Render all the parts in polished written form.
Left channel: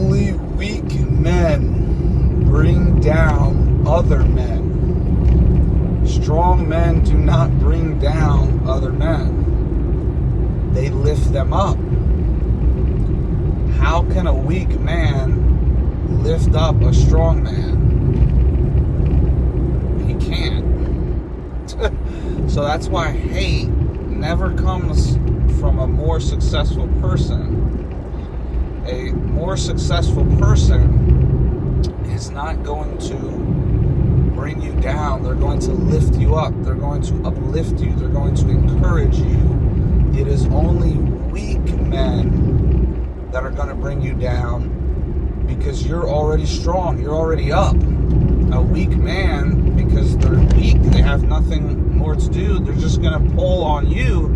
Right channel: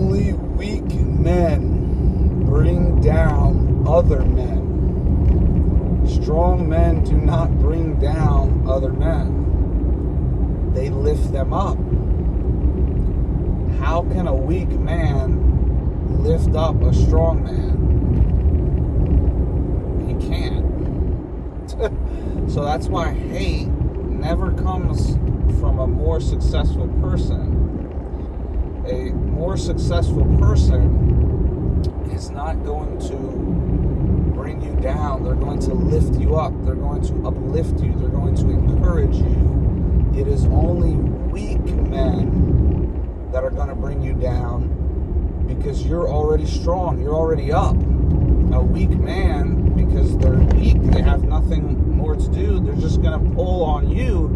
Only weak men bring down other men. Strong men do not bring down other men. They lift them up. How can a weak man lift up a strong man? He can't. So that's why hate never comes from a more successful person. A more successful person is not going to bring you down. They're going to lift you up. They're going to uplift you. They're going to encourage you. It is only weak men that are going to bring you down because you're already strong. You're already up. A weak man, because they're weak, they have nothing more to do, they're just going to pull on you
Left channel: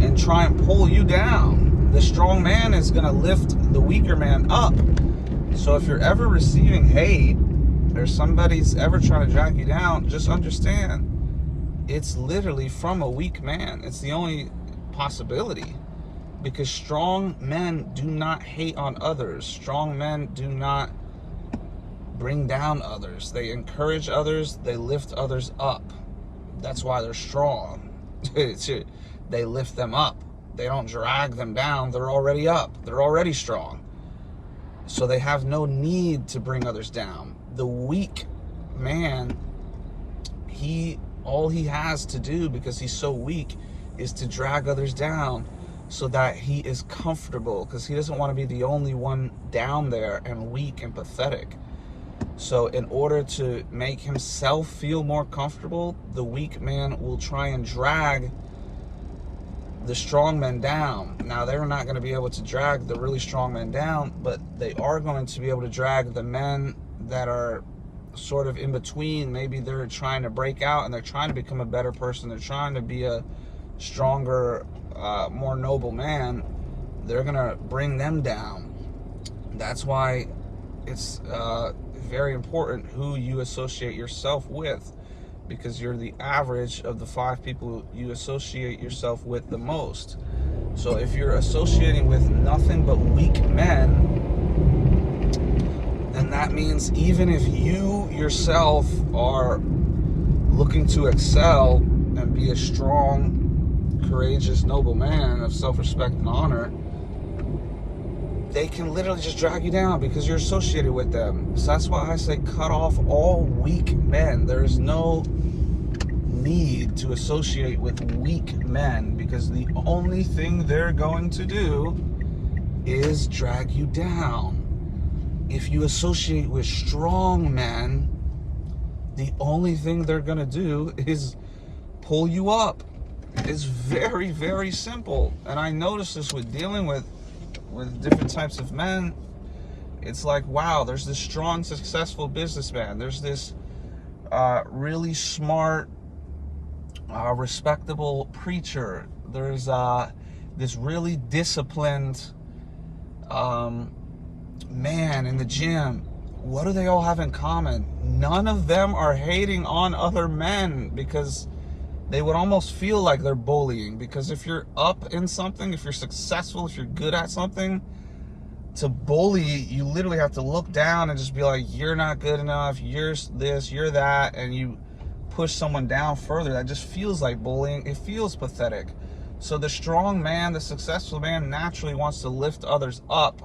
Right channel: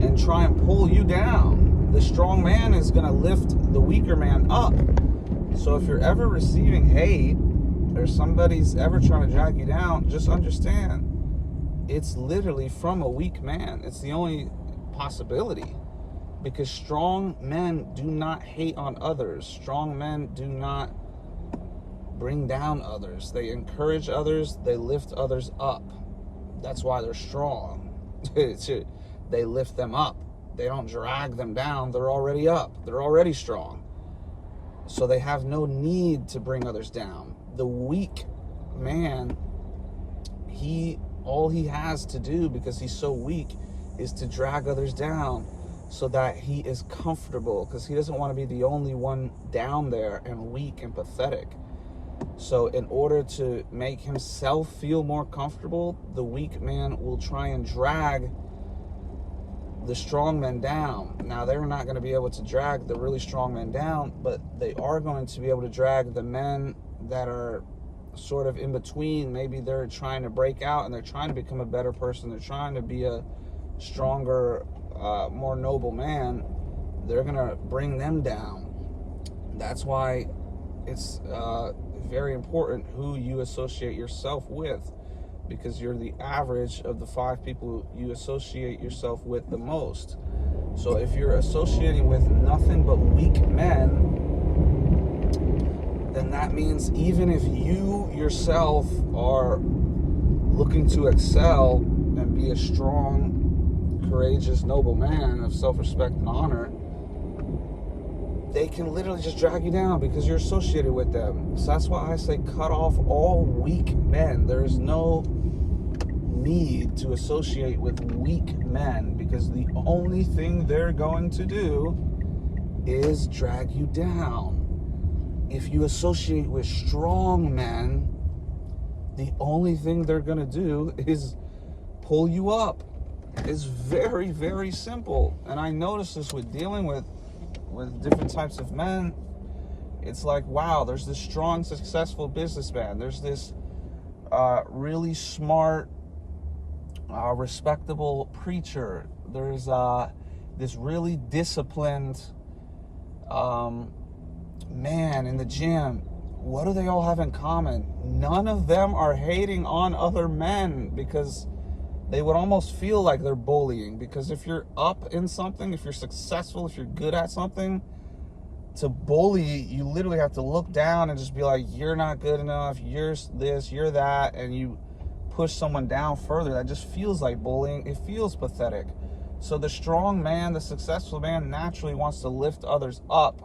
and try and pull you down. The strong man is going to lift the weaker man up. So if you're ever receiving hate or somebody's ever trying to drag you down, just understand it's literally from a weak man. It's the only possibility, because strong men do not hate on others. Strong men do not bring down others. They encourage others. They lift others up. That's why they're strong. They lift them up. They don't drag them down. They're already up. They're already strong. So they have no need to bring others down. The weak man, all he has to do, because he's so weak, is to drag others down so that he is comfortable, because he doesn't want to be the only one down there and weak and pathetic. So in order to make himself feel more comfortable, the weak man will try and drag the strong men down. Now, they're not going to be able to drag the really strong men down, but they are going to be able to drag the men that are sort of in between. Maybe they're trying to break out and they're trying to become a better person. They're trying to be a stronger, more noble man. They're going to bring them down. That's why it's very important who you associate yourself with, because you're the average of the 5 people you associate yourself with the most. So if you're associating with nothing but weak men, then that means even if you yourself are looking to excel and be a strong, courageous, noble man of self-respect and honor, they can literally just drag you down because you're associated with them. So that's why I say cut off all weak men. There is no need to associate with weak men, because the only thing they're going to do is drag you down. If you associate with strong men, the only thing they're going to do is pull you up. It's very, very simple. And I notice this with dealing with different types of men. It's like, wow, there's this strong, successful businessman. There's this really smart, respectable preacher. There's this really disciplined man in the gym. What do they all have in common? None of them are hating on other men, because they would almost feel like they're bullying. Because if you're up in something, if you're successful, if you're good at something, to bully, you literally have to look down and just be like, you're not good enough, you're this, you're that, and you push someone down further. That just feels like bullying. It feels pathetic. So the strong man, the successful man, naturally wants to lift others up,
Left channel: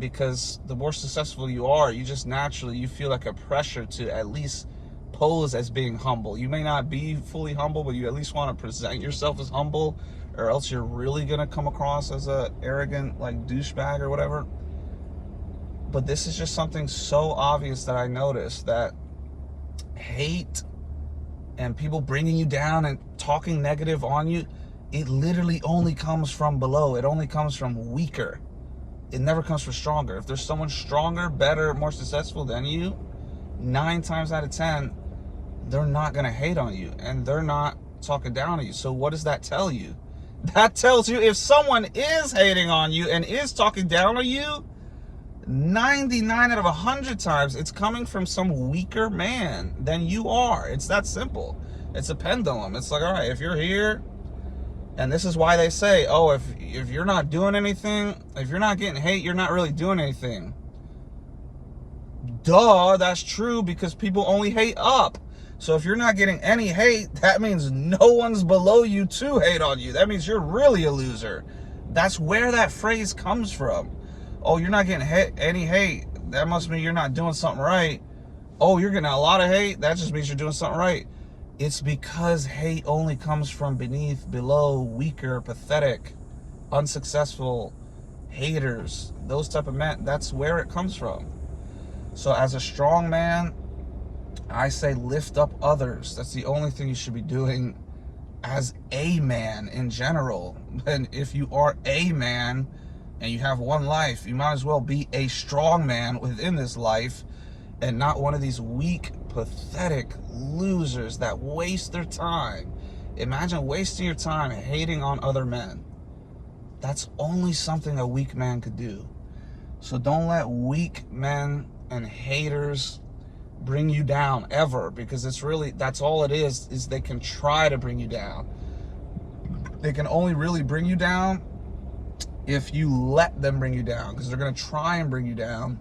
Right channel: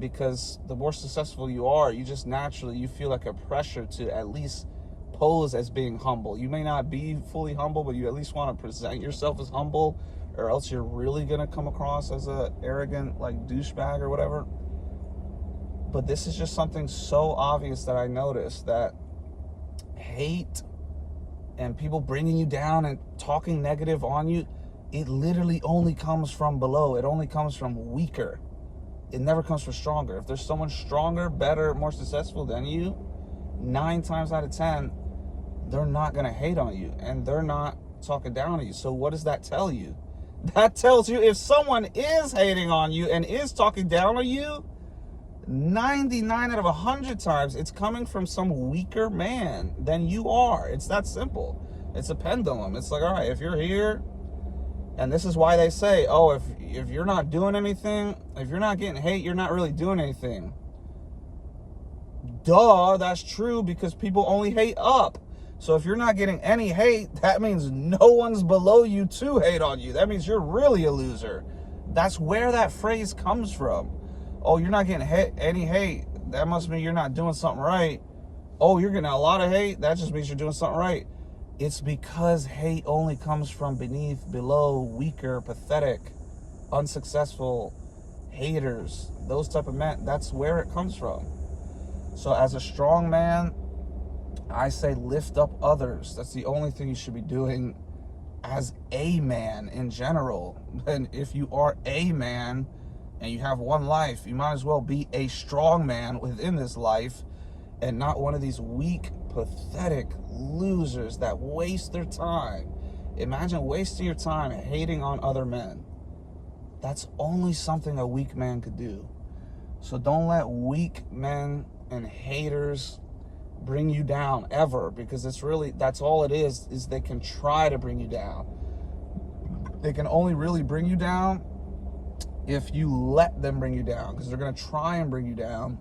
because the more successful you are, you just naturally, you feel like a pressure to at least pose as being humble. You may not be fully humble, but you at least want to present yourself as humble, or else you're really going to come across as a arrogant, like, douchebag or whatever. But this is just something so obvious that I noticed, that hate and people bringing you down and talking negative on you, it literally only comes from below. It only comes from weaker. It never comes from stronger. If there's someone stronger, better, more successful than you, 9 times out of 10, they're not going to hate on you, and they're not talking down on you. So what does that tell you? That tells you if someone is hating on you and is talking down on you, 99 out of 100 times, it's coming from some weaker man than you are. It's that simple. It's a pendulum. It's like, all right, if you're here, and this is why they say, oh, if you're not doing anything, if you're not getting hate, you're not really doing anything. Duh, that's true, because people only hate up. So if you're not getting any hate, that means no one's below you to hate on you. That means you're really a loser. That's where that phrase comes from. Oh, you're not getting any hate. That must mean you're not doing something right. Oh, you're getting a lot of hate. That just means you're doing something right. It's because hate only comes from beneath, below, weaker, pathetic, unsuccessful haters. Those type of men. That's where it comes from. So as a strong man, I say lift up others. That's the only thing you should be doing as a man in general. And if you are a man and you have one life, you might as well be a strong man within this life and not one of these weak, pathetic losers that waste their time. Imagine wasting your time hating on other men. That's only something a weak man could do. So don't let weak men and haters bring you down ever, because it's really, that's all it is they can try to bring you down. They can only really bring you down if you let them bring you down, because they're going to try and bring you down,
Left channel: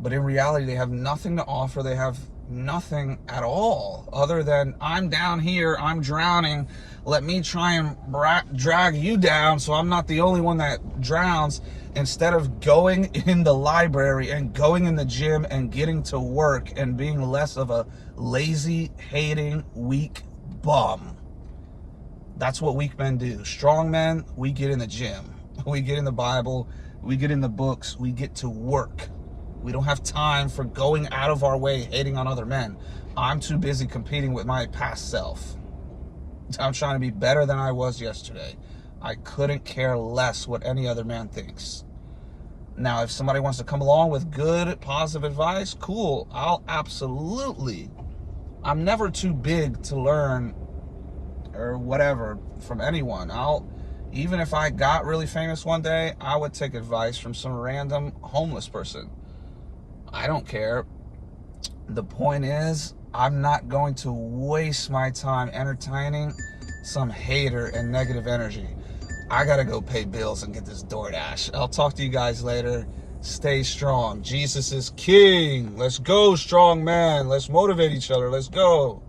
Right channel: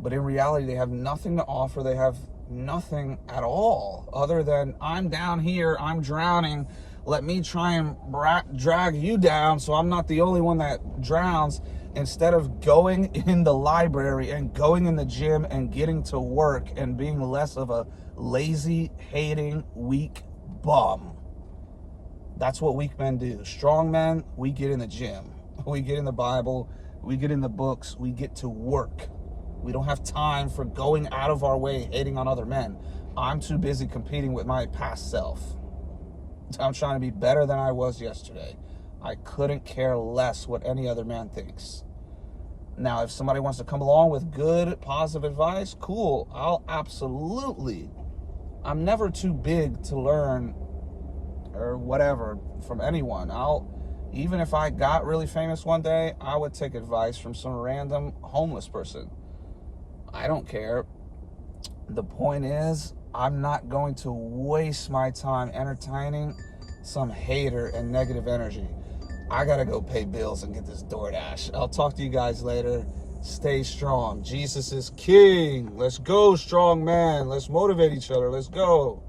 but in reality they have nothing to offer. They have nothing at all other than, I'm down here, I'm drowning, let me try and drag you down so I'm not the only one that drowns, instead of going in the library and going in the gym and getting to work and being less of a lazy, hating, weak bum. That's what weak men do. Strong men, we get in the gym, we get in the Bible, we get in the books, we get to work. We don't have time for going out of our way hating on other men. I'm too busy competing with my past self. I'm trying to be better than I was yesterday. I couldn't care less what any other man thinks. Now, if somebody wants to come along with good, positive advice, cool. I'll absolutely. I'm never too big to learn or whatever from anyone. Even if I got really famous one day, I would take advice from some random homeless person. I don't care. The point is, I'm not going to waste my time entertaining some hater and negative energy. I gotta go pay bills and get this DoorDash. I'll talk to you guys later. Stay strong. Jesus is king. Let's go, strong man. Let's motivate each other. Let's go.